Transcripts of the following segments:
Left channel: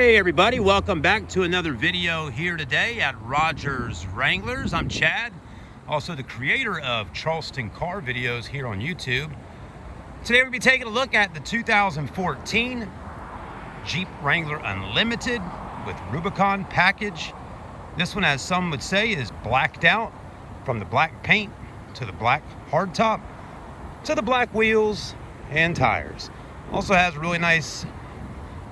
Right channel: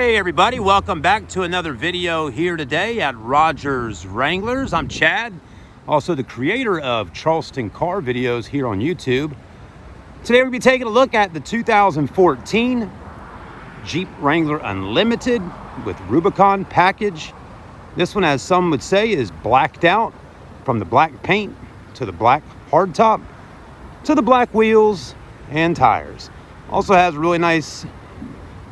Hey everybody, welcome back to another video here today at Rodgers Wranglers. I'm Chad, also the creator of Charleston car videos here on YouTube. Today we'll be taking a look at the 2014 Jeep Wrangler Unlimited with Rubicon package. This one, as some would say, is blacked out, from the black paint to the black hardtop to the black wheels and tires. Also has really nice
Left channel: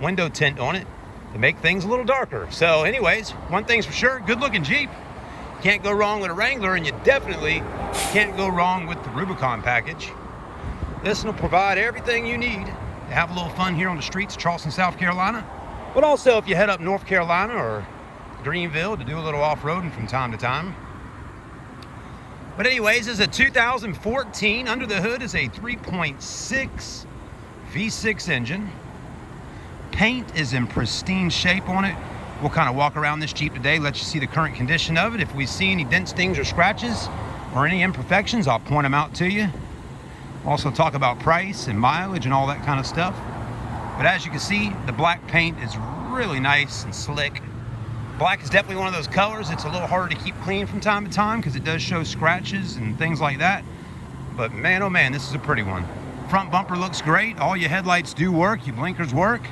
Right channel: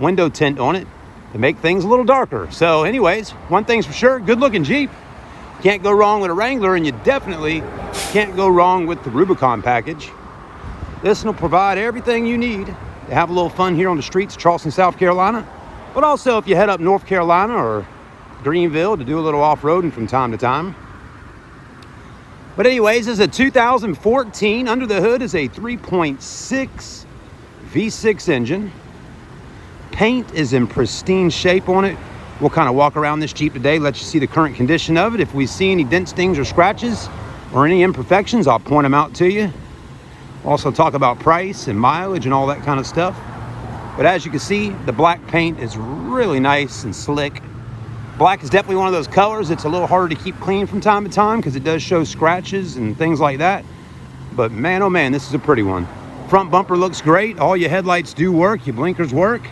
window tint on it to make things a little darker. So anyways, one thing's for sure, good looking Jeep. Can't go wrong with a Wrangler, and you definitely can't go wrong with the Rubicon package. This will provide everything you need to have a little fun here on the streets of Charleston, South Carolina. But also if you head up North Carolina or Greenville to do a little off-roading from time to time. But anyways, this is a 2014. Under the hood is a 3.6 V6 engine. Paint is in pristine shape on it. We'll kind of walk around this Jeep today, let you see the current condition of it. If we see any dents, stings, or scratches, or any imperfections, I'll point them out to you. Also talk about price and mileage and all that kind of stuff. But as you can see, the black paint is really nice and slick. Black is definitely one of those colors. It's a little harder to keep clean from time to time because it does show scratches and things like that. But man, oh man, this is a pretty one. Front bumper looks great. All your headlights do work. Your blinkers work.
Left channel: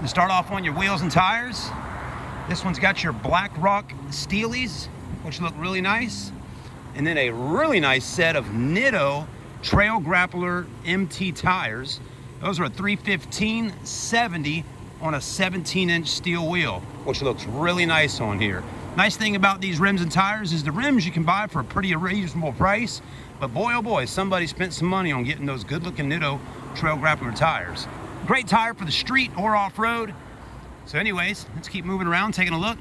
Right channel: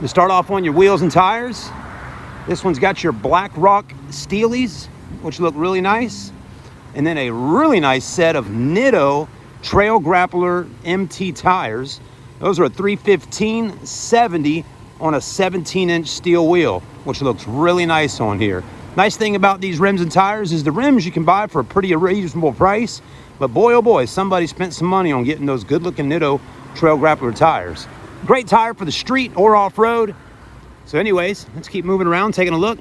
To start off on your wheels and tires, this one's got your Black Rock Steelies, which look really nice. And then a really nice set of Nitto Trail Grappler MT tires. Those are a 315/70 on a 17-inch steel wheel, which looks really nice on here. Nice thing about these rims and tires is the rims you can buy for a pretty reasonable price. But boy, oh boy, somebody spent some money on getting those good-looking Nitto Trail Grappler tires. Great tire for the street or off-road. So anyways, let's keep moving around, taking a look.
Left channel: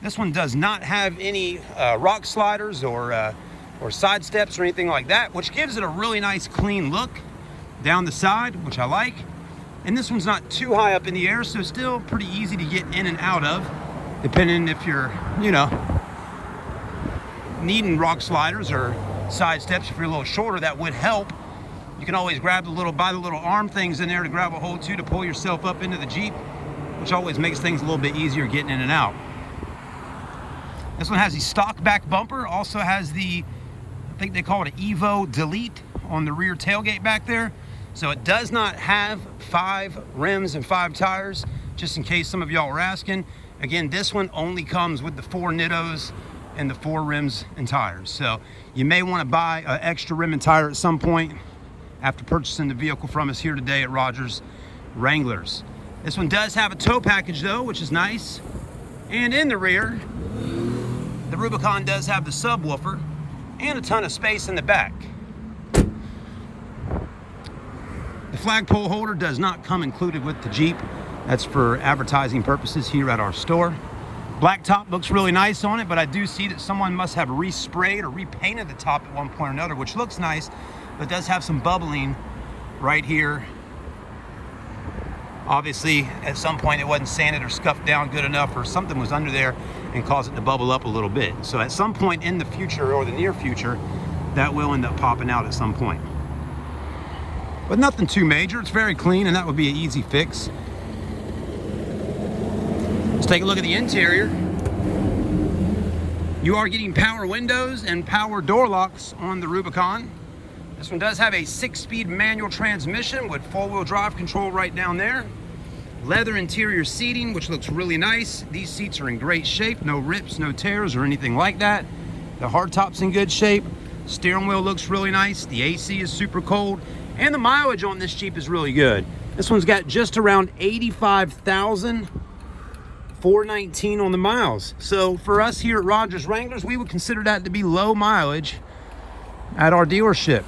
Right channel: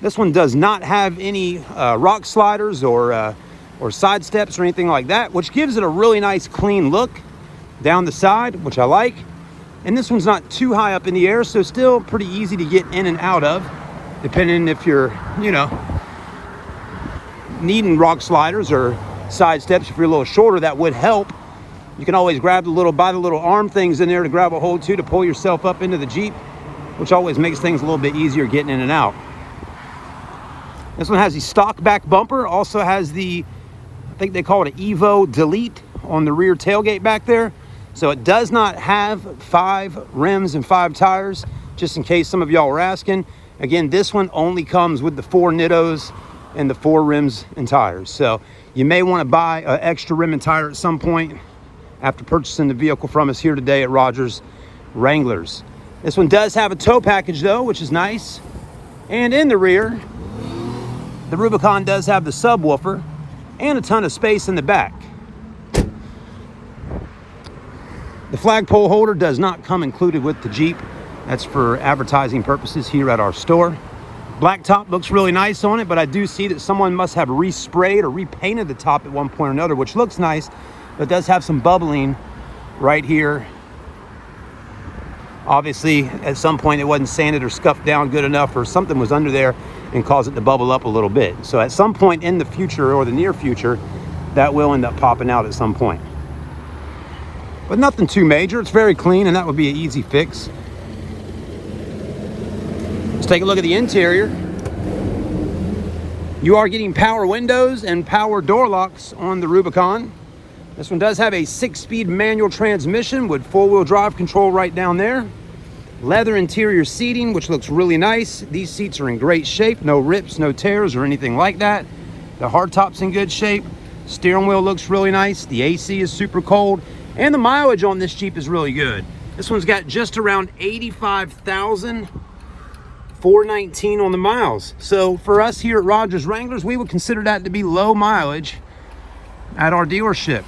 This one does not have any rock sliders or side steps or anything like that, which gives it a really nice clean look down the side, which I like. And this one's not too high up in the air, so still pretty easy to get in and out of, depending if you're, needing rock sliders or side steps. If you're a little shorter, that would help. You can always grab the little arm things in there to grab a hold to pull yourself up into the Jeep, which always makes things a little bit easier getting in and out. This one has the stock back bumper, also has the, I think they call it an Evo Delete on the rear tailgate back there. So it does not have 5 rims and 5 tires, just in case some of y'all were asking. Again, this one only comes with the 4 Nittos and the 4 rims and tires. So you may want to buy an extra rim and tire at some point after purchasing the vehicle from us here today at Rodgers Wranglers. This one does have a tow package though, which is nice. And in the rear, the Rubicon does have the subwoofer and a ton of space in the back. The flagpole holder does not come included with the Jeep. That's for advertising purposes here at our store. Black top looks really nice on it, but I do see that someone must have resprayed or repainted the top at one point or another, which looks nice. But it does have some bubbling right here. Obviously, at some point it wasn't sanded or scuffed down good enough, or something was under there and caused it to bubble up a little bit. So at some point in the future or the near future, that will end up popping out at some point. But nothing too major. It's very clean, and that would be an easy fix. Let's take a look at the interior. You are getting power windows and power door locks on the Rubicon. This one does have a 6-speed manual transmission with 4-wheel drive control right down there. Leather interior seating, which looks really nice. These seats are in great shape. No rips, no tears, or anything like that. The hardtop's in good shape. Steering wheel looks really nice. The AC is super cold. And the mileage on this Jeep is really good. This one's got just around 85,419 on the miles. So for us here at Rodgers Wranglers, we would consider that to be low mileage at our dealership.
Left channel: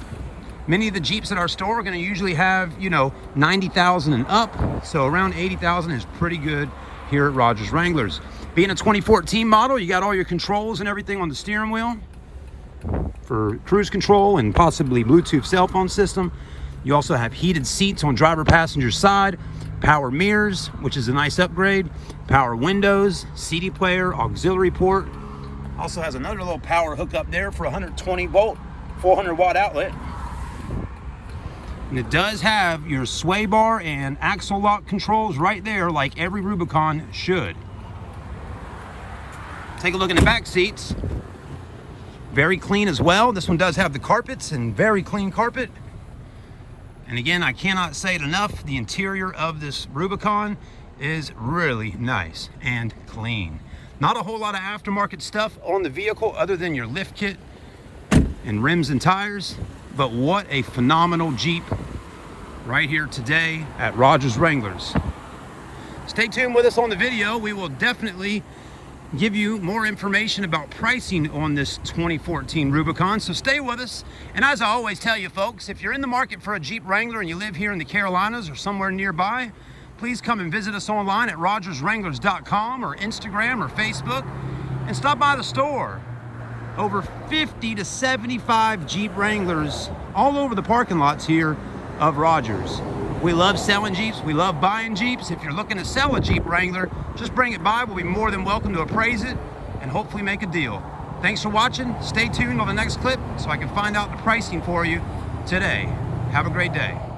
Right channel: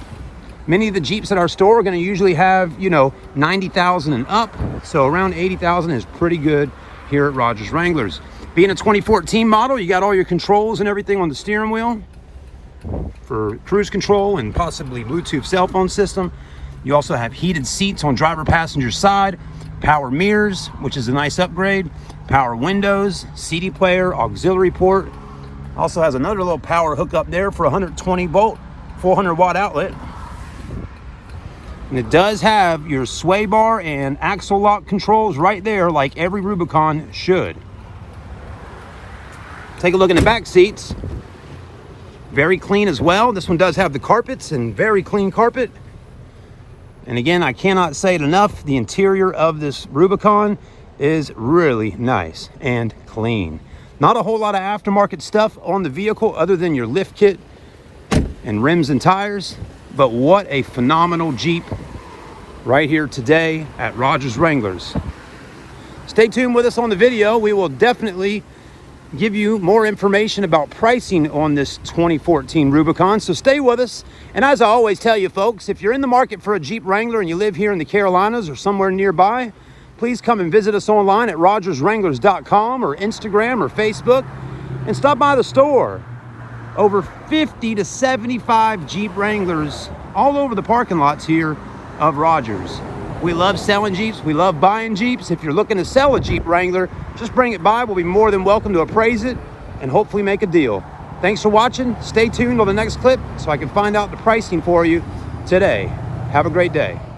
Many of the Jeeps at our store are going to usually have, 90,000 and up. So around 80,000 is pretty good here at Rodgers Wranglers. Being a 2014 model, you got all your controls and everything on the steering wheel for cruise control and possibly Bluetooth cell phone system. You also have heated seats on driver passenger side, power mirrors, which is a nice upgrade, power windows, CD player, auxiliary port. Also has another little power hook up there for 120 volt, 400 watt outlet. And it does have your sway bar and axle lock controls right there, like every Rubicon should. Take a look in the back seats. Very clean as well. This one does have the carpets, and very clean carpet. And again, I cannot say it enough, the interior of this Rubicon is really nice and clean. Not a whole lot of aftermarket stuff on the vehicle other than your lift kit and rims and tires, but what a phenomenal Jeep right here today at Rodgers Wranglers. Stay tuned with us on the video. We will definitely give you more information about pricing on this 2014 Rubicon, so stay with us. And as I always tell you folks, if you're in the market for a Jeep Wrangler and you live here in the Carolinas or somewhere nearby, please come and visit us online at RodgersWranglers.com or Instagram or Facebook, and stop by the store. Over 50 to 75 Jeep Wranglers all over the parking lots here of Rodgers. We love selling Jeeps. We love buying Jeeps. If you're looking to sell a Jeep Wrangler, just bring it by. We'll be more than welcome to appraise it and hopefully make a deal. Thanks for watching. Stay tuned on the next clip so I can find out the pricing for you today. Have a great day.